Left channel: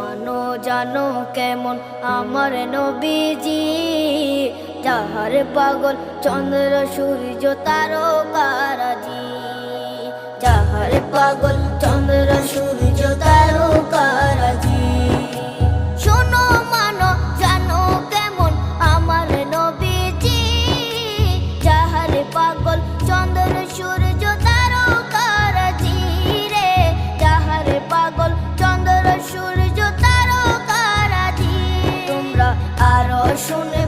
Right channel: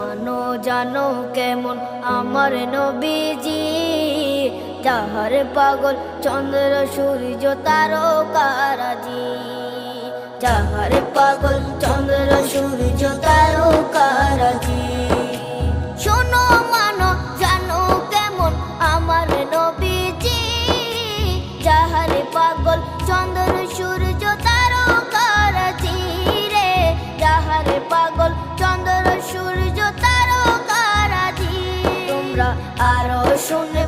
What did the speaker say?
মানো জানো কেমন আমার নবীজি, যাহার পাগল চন্দ্র সূর্য তারকারাজি, যাহার পাগল চন্দ্র সূর্য তারকারাজি। শোনো মানো জানো কেমন আমার নবীজি, যাহার পাগল চন্দ্র সূর্য তারকারাজি রে, যাহার পাগল চন্দ্র সূর্য তারকারাজি। তোমরা আরো শুনে